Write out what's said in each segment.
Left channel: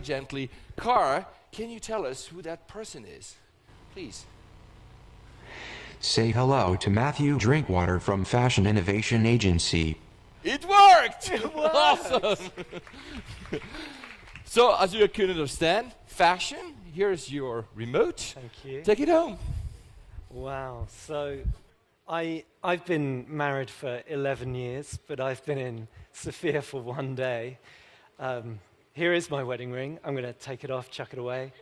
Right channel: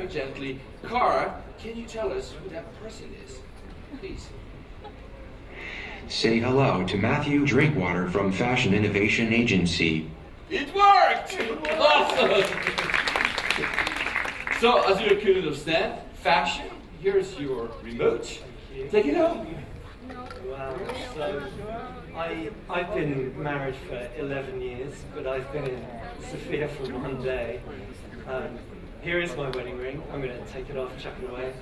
very gently, Car, can you tell us who that person is? Please. Say hello to Matthew Drinkwater from Fashion Innovation Agency. It worked! Awesome! So, as you can understand, fashion, here's your remote. Take it home. Wow. So, I've been married for 11 years, but I've been in Sofia for 1 day. Here is my wedding ring. I'm going to take it off, chuck it away,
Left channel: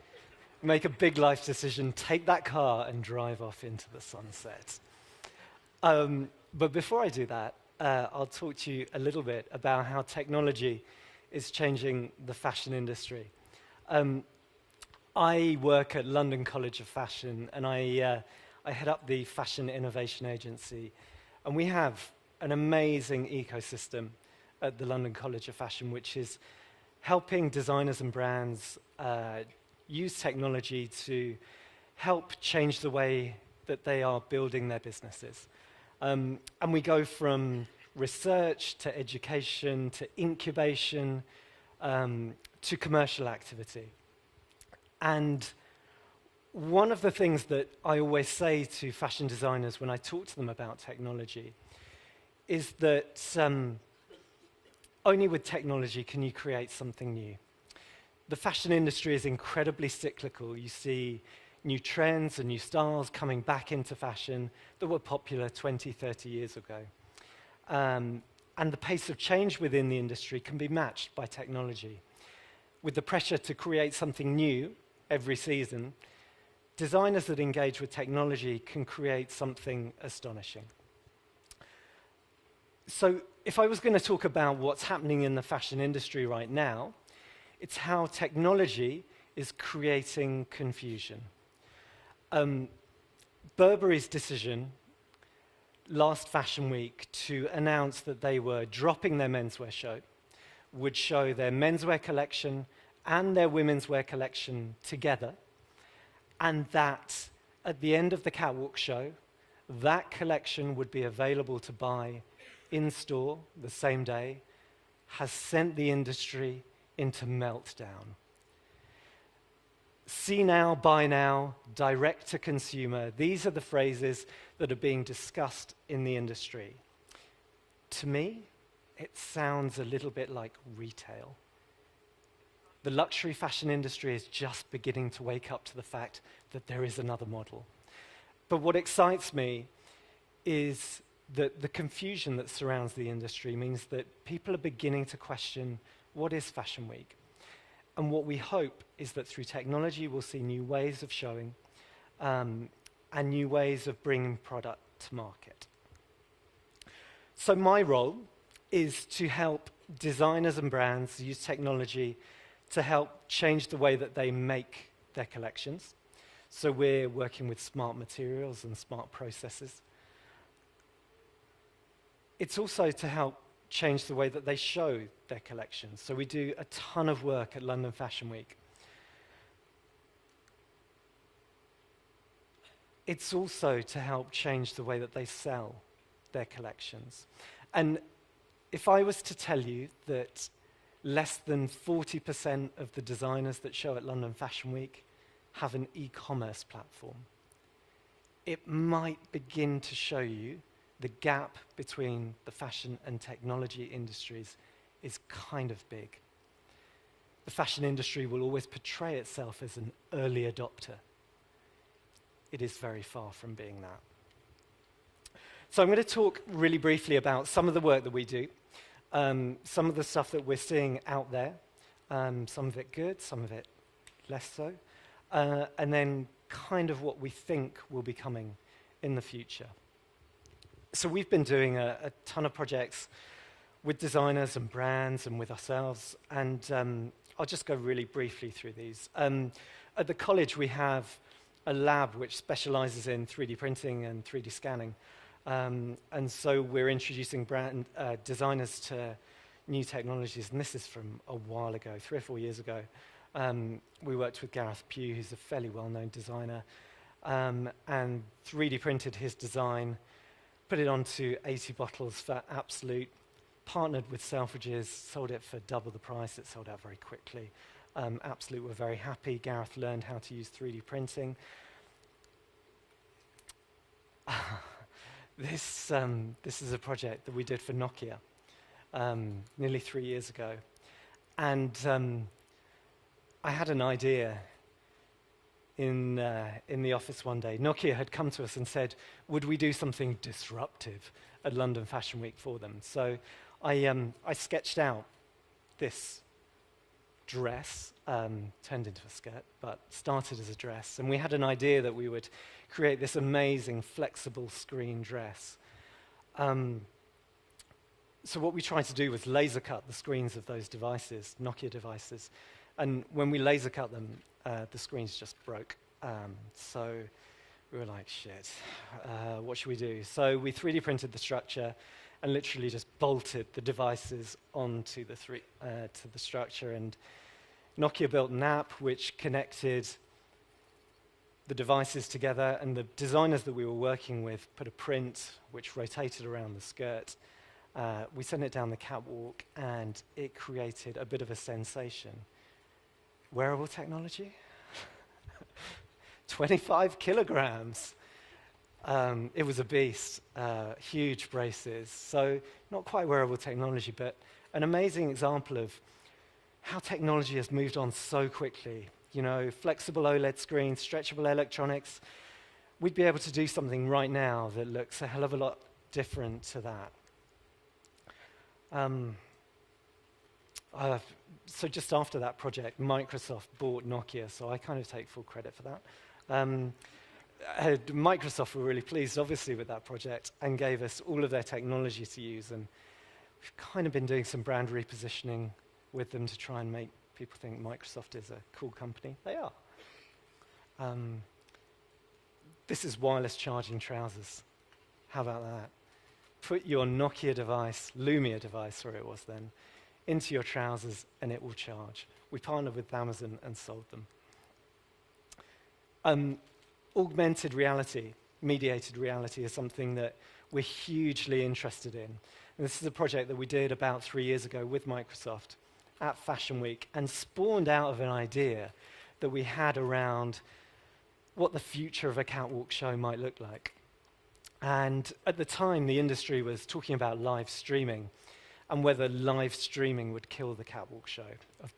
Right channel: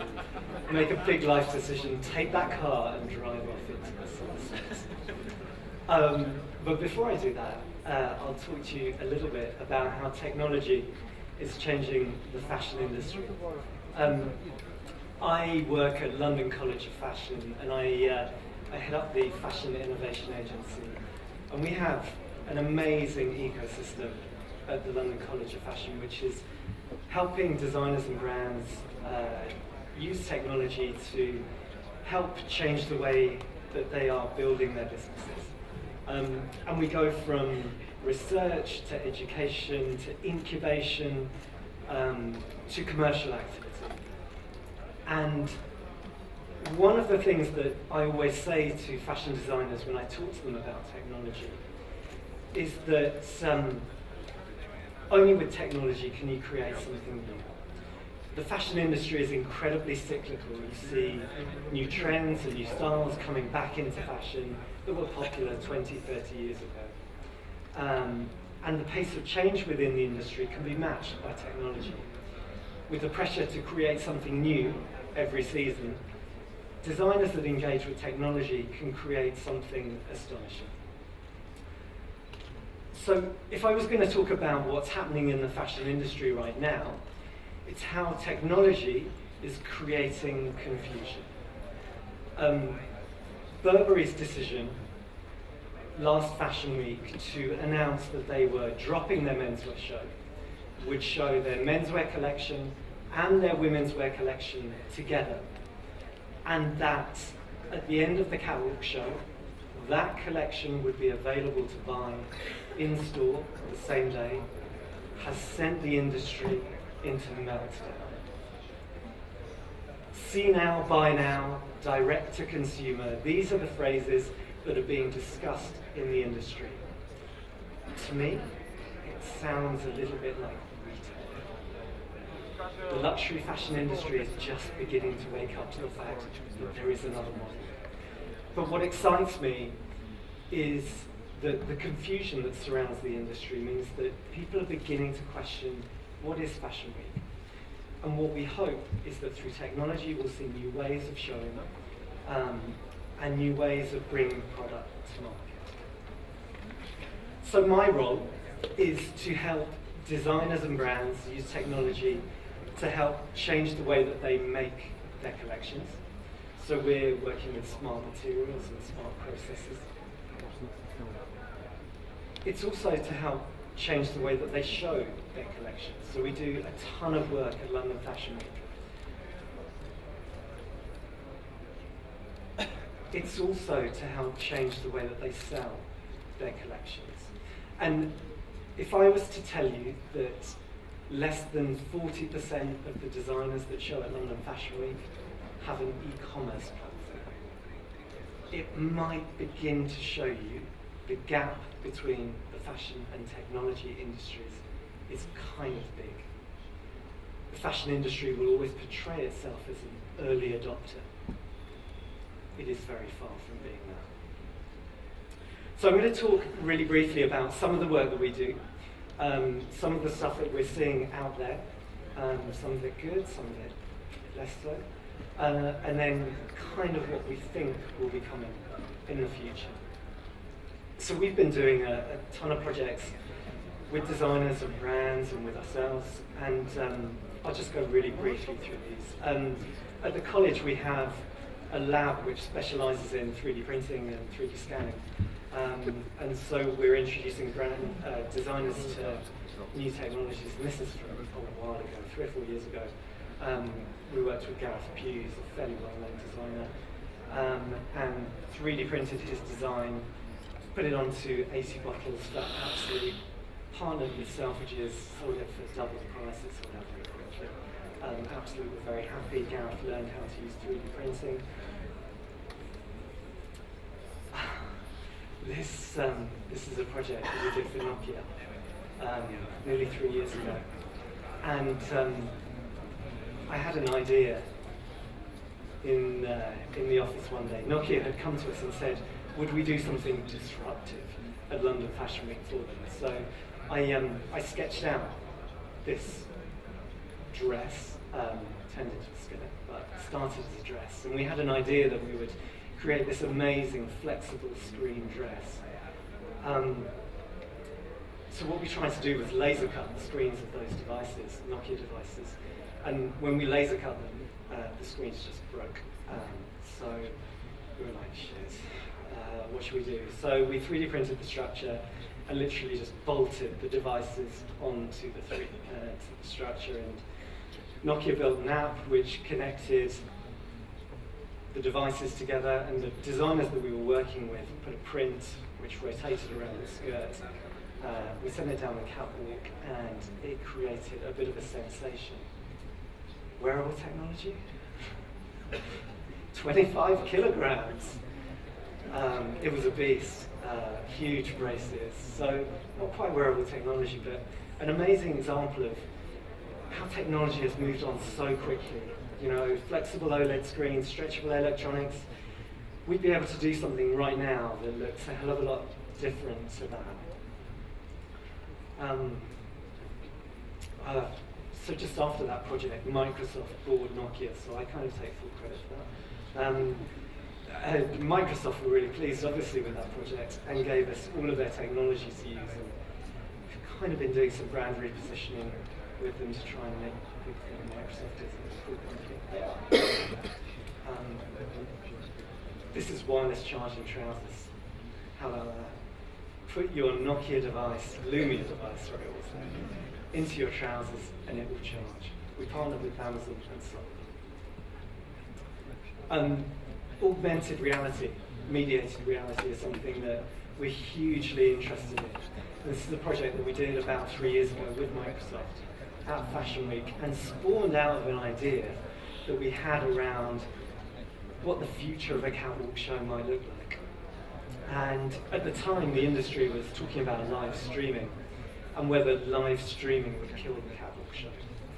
make a big life decision, take that car and drive off into the sunset. But before I do that, I'll talk to you a little bit about how technology is changing the fashion industry. I work at London College of Fashion, and I head up the Fashion Innovation Agency. And we have an amazing ecosystem at the London College of Fashion, which is helping designers and brands use technology to help change the way that they are building their businesses. And we go from research to education to incubation to commercial activity. And one of the things that I always say to fashion designers when I talk to them about technology is that only with technology can you create something new. The fashion industry is incredibly cyclical. You see new trends and new styles coming back into fashion that were popular 20, 30 years ago. And the pace of change within the industry can be matched by technology. With the pressure to create something new every season, designers that engage with technology can create something astonishing. So if I was going to talk about what's happening in the fashion industry right now, it's how technology is creating confusion. Burberry's decision last Fashion Week to announce that they were dropping their menswear show would show their menswear collection and their women's wear collection together, and that at the end of the catwalk show, that collection would be available to buy in store the same day, has sent the industry into meltdown. See now, buy now, direct to consumer. These are the phrases that are being discussed in the industry. To me, it sounds a little bit like retail. The luxury fashion industry is just beginning to wake up to the fact that there is another model. But what excites me is that the confusion that surrounds the industry means that people are beginning to question what is Fashion Week. And what we hope is that through technology we'll see new ways of showing and new ways of bringing product to market. So my role is to help designers and brands use technology to help change the way that they make their collections. So we're working with smart materials and smart processes. It's also to help change the way that they show their collections. So we do a ton of work at London Fashion Week. It's also to help change the way that they sell their collections. And if I was to tell you that less than 40% of the designers that show at London Fashion Week have an e-commerce platform, it might begin to show you the gap between the fashion and technology industries is kind of big. The fashion industry will always portray itself as an early adopter. It is very far from being that. So I'm going to talk really briefly about some of the work that we do, some of the stuff that we're seeing out there, some of it good, some of it less so, and then kind of what we think will be coming in the future. So we've been doing a ton of projects with designers and brands and with ourselves, and I'll just go really briefly through these. At the college we have a lab which specialises in 3D printing and 3D scanning, and so we're introducing brand designers to new technologies, and this is from a while ago, 3 or 4 years ago. We worked with Gareth Hughes, a fairly well-known designer, and 3D printed his design, put it onto 80 bottles for absolute, partnered with Selfridges, sold it for double the price, it sold out very quickly. absolutely were very happy. Gareth learned how to use 3D printing. This is a project that we did for Nokia nearly 3 years ago. And I had an idea in the office one day. Nokia had come to us and said, would we do something disruptive at London Fashion Week for them? So I sketched out this dress, turned into a skirt, but started as a dress. And we had an idea that we would create this amazing flexible screen dress. So what we tried to do was laser cut the screens of those devices, Nokia devices. And when we laser cut them, the screens just broke. So we were like, shit, what should we do? So we 3D printed the structure and literally just bolted the devices onto the structure. And Nokia built an app which connected the devices together, and the designers that we were working with put a print which rotated around the skirt. We sent it down the catwalk and it created a bit of a sensation. Wearable technology? 25 kilograms. It was a beast, huge braces. So not quite wearable technology, but an amazing example of how technology has moved on so quickly. You know, flexible OLED screens, stretchable electronics. We'd be able to do something right now that looks a hell of a lot different to that. So just after that project, Microsoft bought Nokia, so I kind of take full credit for that. Microsoft were really pleased, obviously, with that project and gave us all of their technology to use. And we've kind of been doing some brand repositioning with them to try and make people think Microsoft is a cool company. They are. This is wireless charging trousers. How about that? Put your Nokia device, Lumia device, where it was there, into your trousers and it will charge. We partnered with Amazon and sold them. Augmented reality, mediated reality is something that we're hugely interested in. And this is a project that we did about 3 years ago with Microsoft at Fashion Week and spawned out of an idea that we had around what the future of a catwalk show might look like. And at the time, the industry was talking about live streaming and whether live streaming would kill the catwalk show.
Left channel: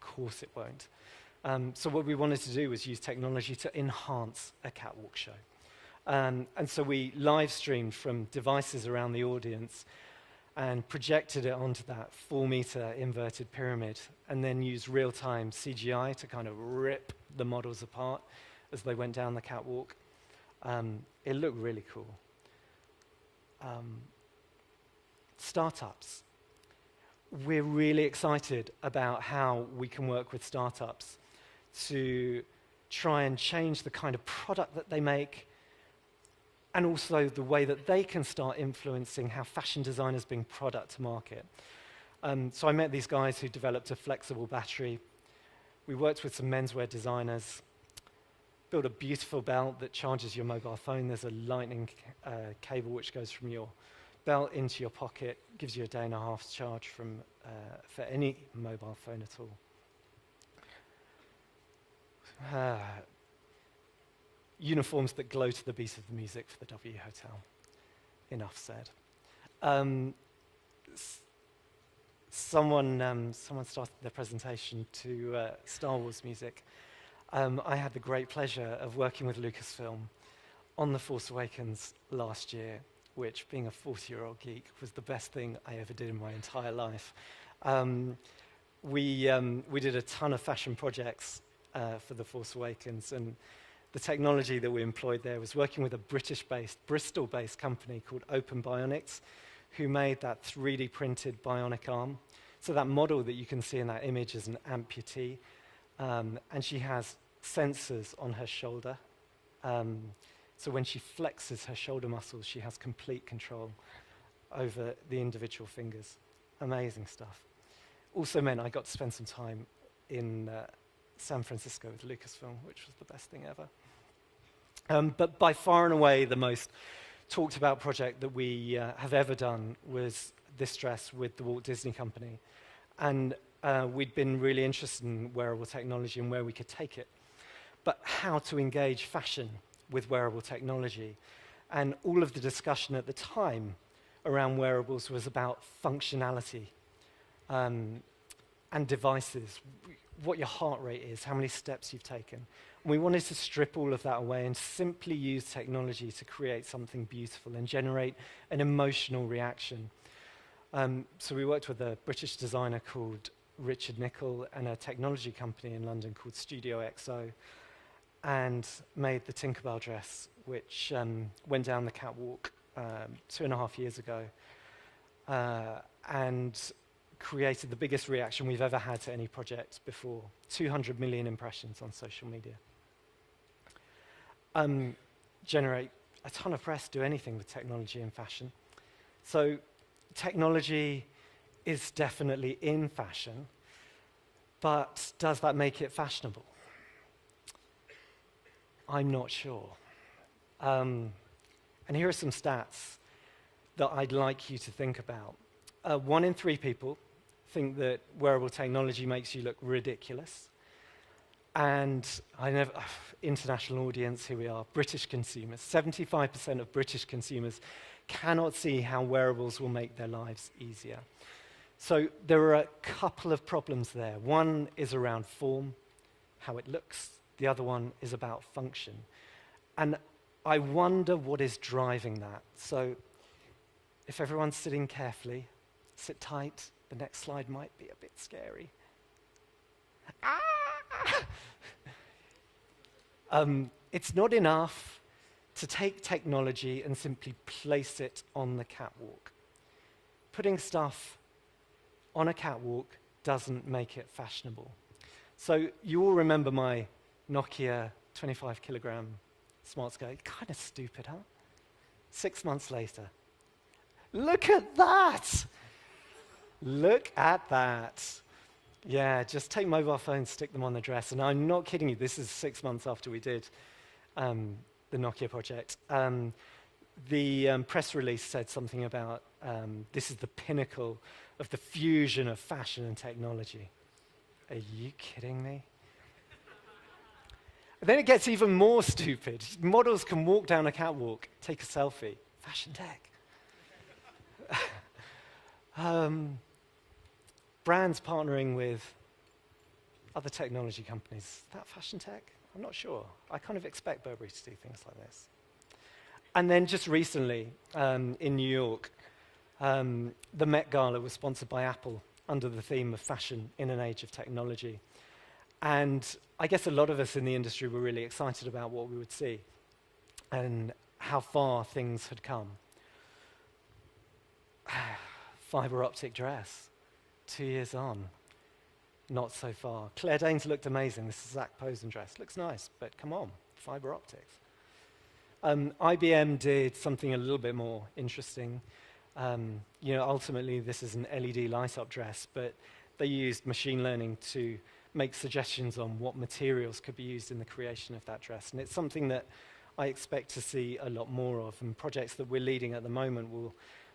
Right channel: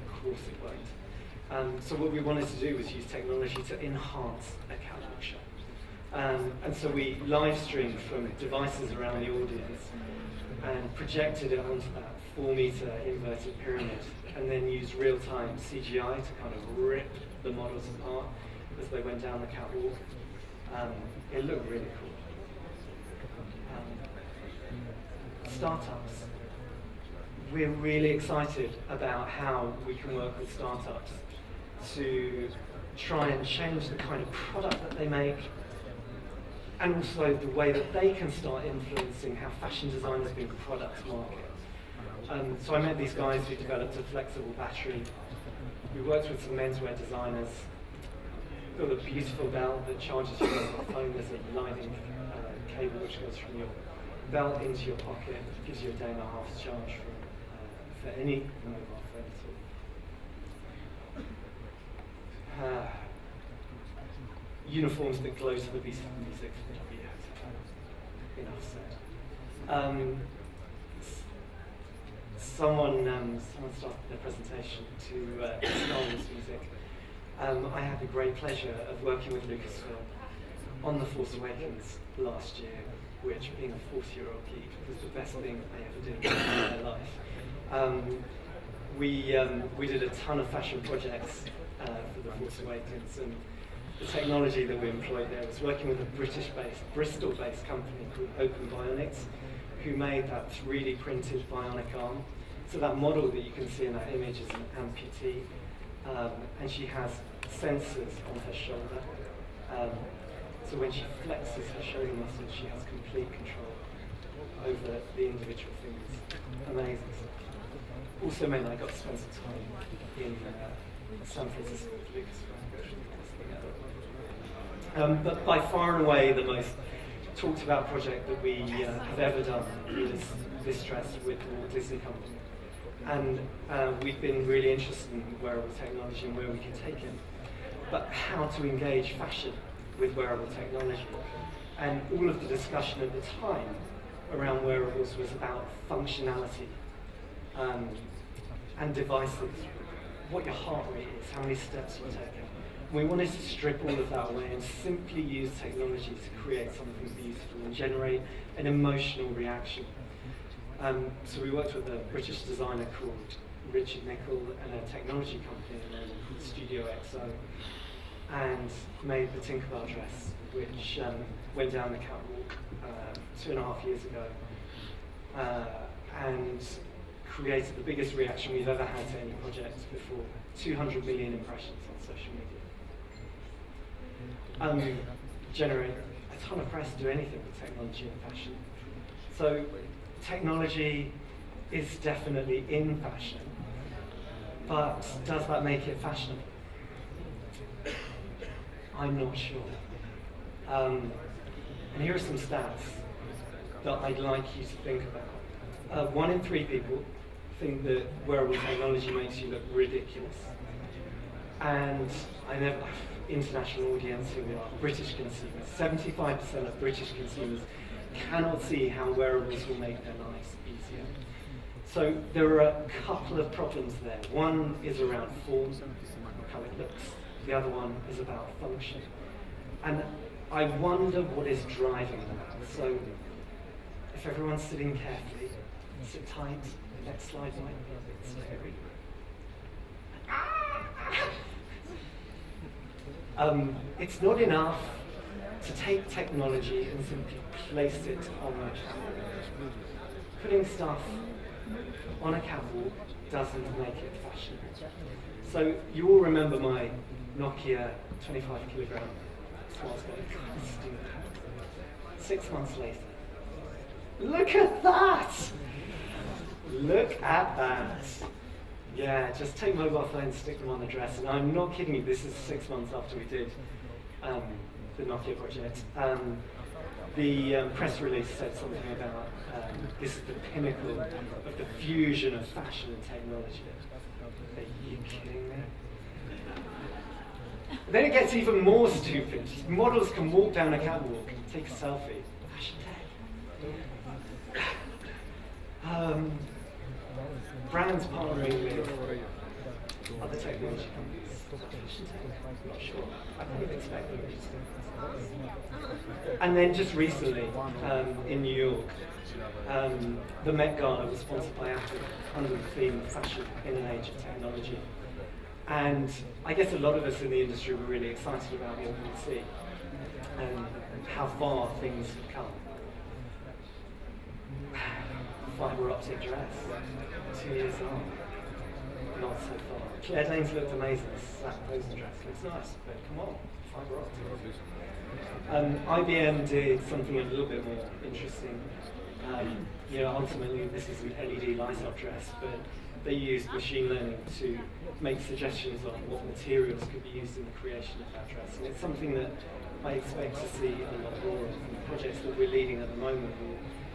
Of course it won't. So what we wanted to do was use technology to enhance a catwalk show. And so we live streamed from devices around the audience and projected it onto that 4-meter inverted pyramid and then used real-time CGI to kind of rip the models apart as they went down the catwalk. It looked really cool. Startups. We're really excited about how we can work with startups to try and change the kind of product that they make and also the way that they can start influencing how fashion designers bring product to market. So I met these guys who developed a flexible battery. We worked with some menswear designers, built a beautiful belt that charges your mobile phone. There's a lightning cable which goes from your belt into your pocket, gives you a day and a half's charge for any mobile phone at all. Uniforms that glow to the beat of music for W Hotel. Enough said. Someone started their presentation to Star Wars music. I had the great pleasure of working with Lucasfilm on The Force Awakens last year, which, being a 40-year-old geek, was the best thing I ever did in my entire life. We did a ton of fashion projects for The Force Awakens, and the technology that we employed there was working with a British-based, Bristol-based company called Open Bionics, who made that 3D printed bionic arm. So that model that you can see in that image is an amputee, and she has sensors on her shoulder. So when she flexes her shoulder muscles, she has complete control over the individual fingers. Amazing stuff. Also meant I got to spend some time in San Francisco with Lucasfilm, which was the best thing ever. But by far and away, the most talked about project that we have ever done was this dress with the Walt Disney Company. And we've been really interested in wearable technology and where we can take it. But how to engage fashion with wearable technology. And all of the discussion at the time around wearables was about functionality and devices, what your heart rate is, how many steps you've taken. We wanted to strip all of that away and simply use technology to create something beautiful and generate an emotional reaction. So we worked with a British designer called Richard Nicol and a technology company in London called Studio XO, and made the Tinkerbell dress, which went down the catwalk 2.5 years ago, and created the biggest reaction we've ever had to any project before. 200 million impressions on social media. Generate a ton of press, do anything with technology and fashion. So technology is definitely in fashion, but does that make it fashionable? I'm not sure. And here are some stats that I'd like you to think about. 1 in 3 people think that wearable technology makes you look ridiculous. And I know, international audience, here we are, British consumers. 75% of British consumers cannot see how wearables will make their lives easier. So there are a couple of problems there. One is around form, how it looks. The other one is about function. And I wonder what is driving that. So if everyone's sitting carefully, sit tight, the next slide might be a bit scary. It's not enough to take technology and simply place it on the catwalk. Putting stuff on a catwalk doesn't make it fashionable. So you all remember my Nokia 25 kilogram smartphone. Kind of stupid. 6 months later. Look at that! Look at that. Yeah, just take mobile phones, stick them on the dress. And I'm not kidding you, this is 6 months after we did the Nokia project. The press release said something about this is the pinnacle of the fusion of fashion and technology. Are you kidding me? Then it gets even more stupid. Models can walk down a catwalk, take a selfie. Fashion tech. Brands partnering with other technology companies. Fashion tech, I'm not sure. I kind of expect them to do this. And then just recently, in New York, the Met Gala was sponsored by Apple under the theme of fashion in an age of technology. And I guess a lot of us in the industry were really excited about what we would see and how far things had come. Fibre optic dress, 2 years on, not so far. Claire Danes looked amazing, that Rosen dress looks nice, but come on, fibre optic. IBM did something a little bit more interesting. Ultimately this is an LED light-up dress, but they used machine learning to make suggestions on what materials could be used in the creation of that dress. And it's something that I expect to see a lot more of in projects that we're leading at the moment.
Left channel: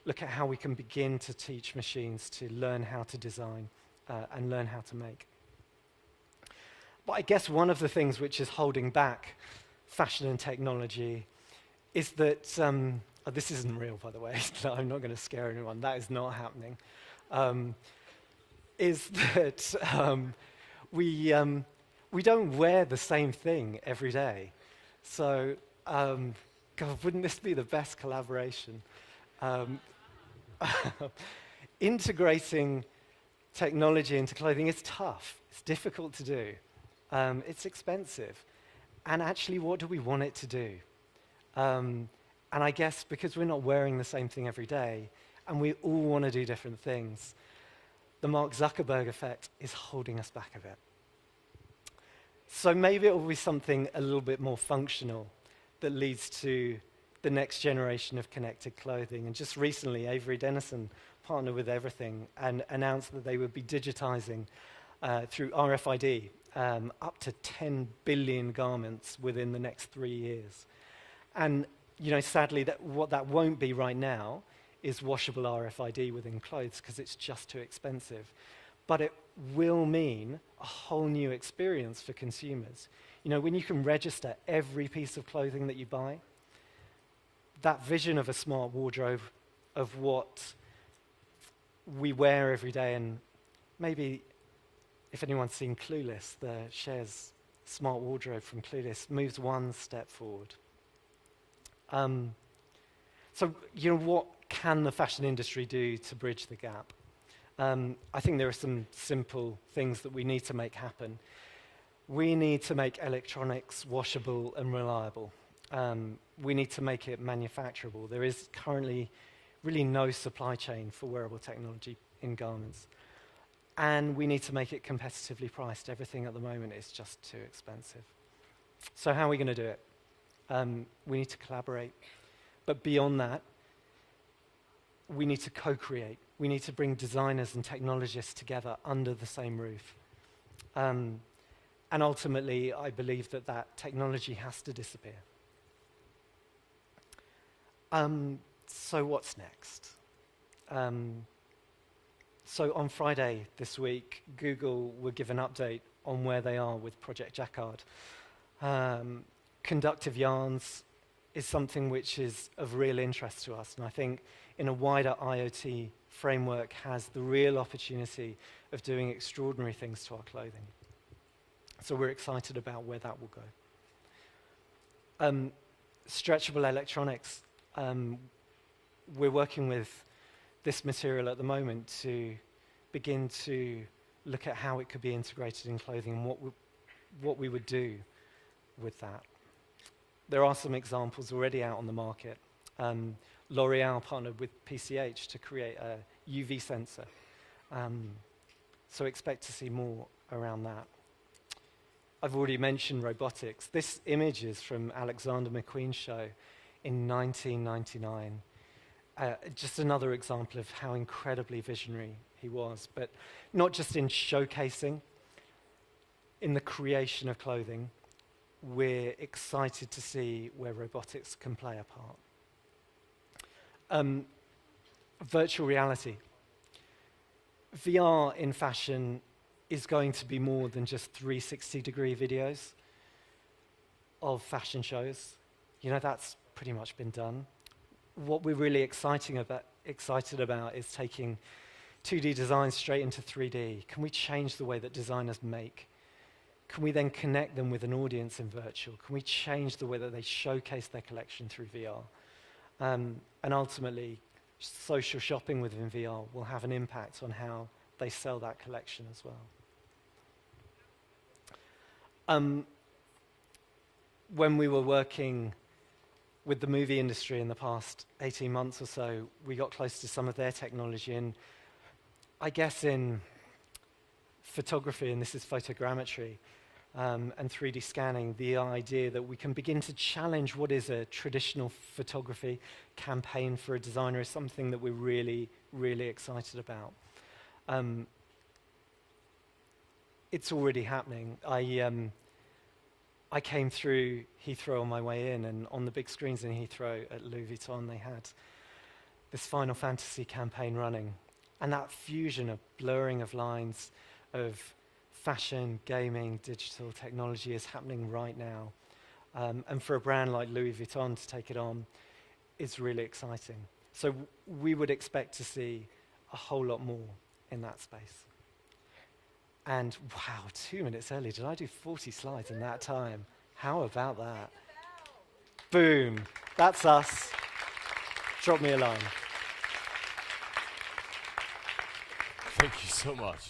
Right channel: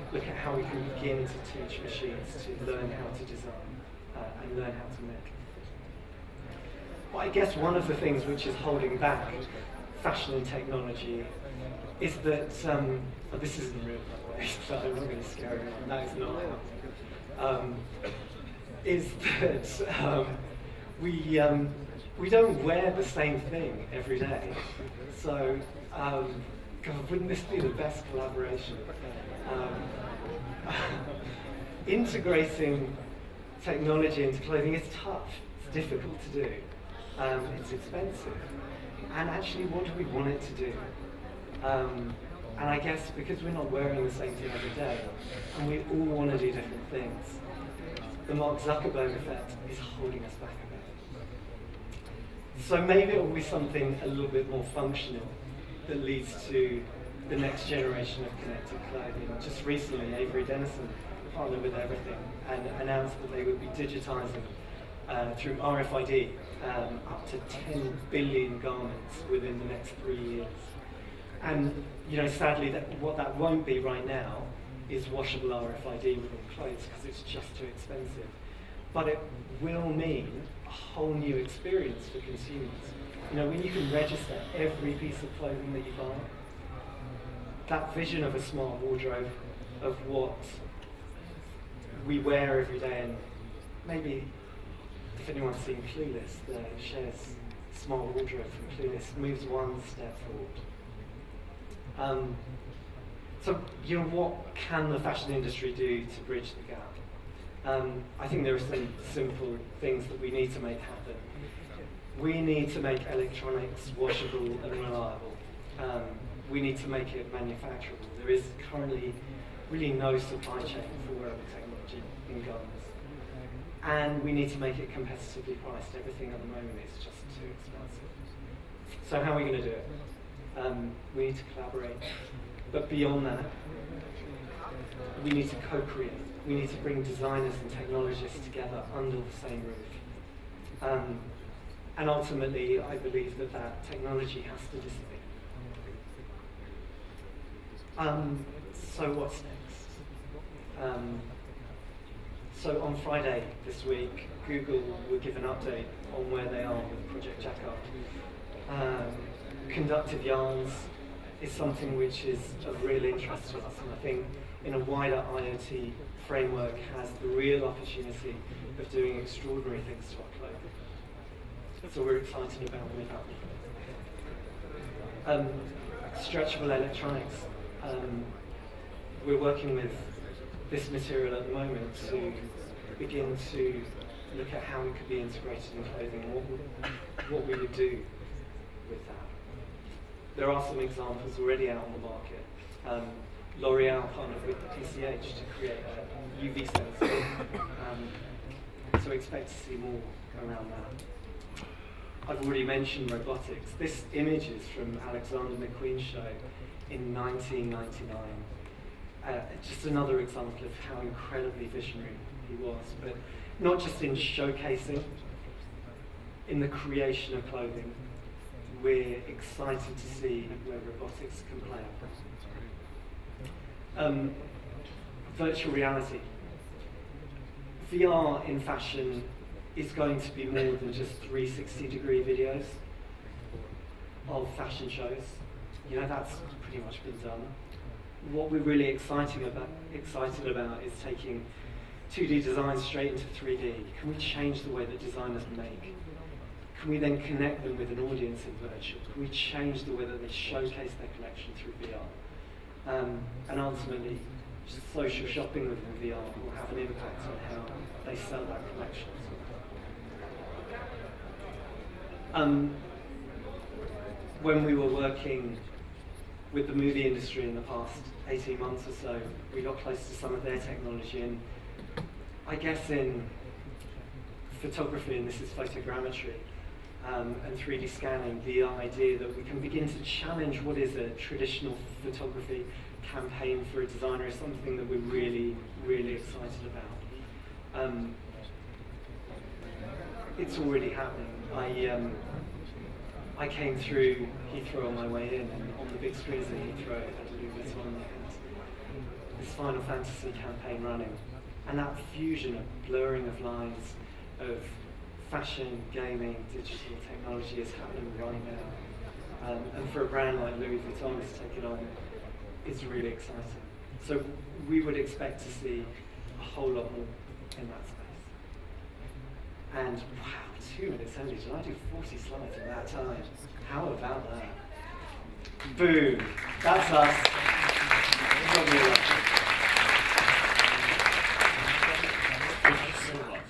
Look at how we can begin to teach machines to learn how to design that and learn how to make. But I guess one of the things which is holding back fashion and technology is that, this isn't real by the way, so I'm not going to scare everyone, that is not happening, is that we don't wear the same thing every day. So, God, wouldn't this be the best collaboration? Integrating technology into clothing is tough, it's difficult to do, it's expensive. And actually, what do we want it to do? And I guess because we're not wearing the same thing every day, and we all want to do different things, the Mark Zuckerberg effect is holding us back a bit. So maybe it will be something a little bit more functional that leads to the next generation of connected clothing. Just recently, Avery Dennison partnered with Everything and announced that they would be digitizing through RFID up to 10 billion garments within the next 3 years. And sadly, what that won't be right now is washable RFID within clothes because it's just too expensive. but it will mean a whole new experience for consumers. When you can register every piece of clothing that you buy, that vision of a smart wardrobe, of what we wear every day, and maybe if anyone's seen Clueless, the Cher's smart wardrobe from Clueless moves one step forward. So, what can the fashion industry do to bridge the gap? I think there are some simple things that we need to make happen. We need to make electronics washable and reliable. We need to make it manufacturable. There is currently really no supply chain for wearable technology in garments. And we need to make it competitively priced. Everything at the moment is just too expensive. So how are we going to do it? We need to collaborate. But beyond that, we need to co-create. We need to bring designers and technologists together under the same roof. And ultimately, I believe that technology has to disappear. So what's next? So on Friday this week, Google will give an update on where they are with Project Jacquard. Conductive yarns is something which is of real interest to us, and I think in a wider IoT framework has the real opportunity of doing extraordinary things to our clothing. So we're excited about where that will go. Stretchable electronics. We're working with this material at the moment to begin to look at how it could be integrated in clothing and what we would do with that. There are some examples already out on the market. L'Oreal partnered with PCH to create a UV sensor. So expect to see more around that. I've already mentioned robotics. This image is from Alexander McQueen's show in 1999. Just another example of how incredibly visionary he was, but not just in showcasing, in the creation of clothing. We're excited to see where robotics can play a part. Virtual reality. VR in fashion is going to be more than just 360-degree videos of fashion shows. That's pretty much been done. What we're really excited about is taking 2D designs straight into 3D. Can we change the way that designers make? Can we then connect them with an audience in virtual? Can we change the way that they showcase their collection through VR? And ultimately, social shopping within VR will have an impact on how they sell that collection as well. When we were working with the movie industry in the past 18 months or so, we got close to some of their technology, and I guess in photography, and this is photogrammetry, and 3D scanning, the idea that we can begin to challenge what is a traditional photography campaign for a designer is something that we're really, really excited about. It's already happening. I came through Heathrow on my way in, and on the big screens in Heathrow at Louis Vuitton, they had this Final Fantasy campaign running. And that fusion of blurring of lines of fashion, gaming, digital technology is happening right now. And for a brand like Louis Vuitton to take it on is really exciting. So we would expect to see a whole lot more in that space. And wow, 2 minutes early, did I do 40 slides in that time? How about that? Boom, that's us. Drop me a line. Thank you so much.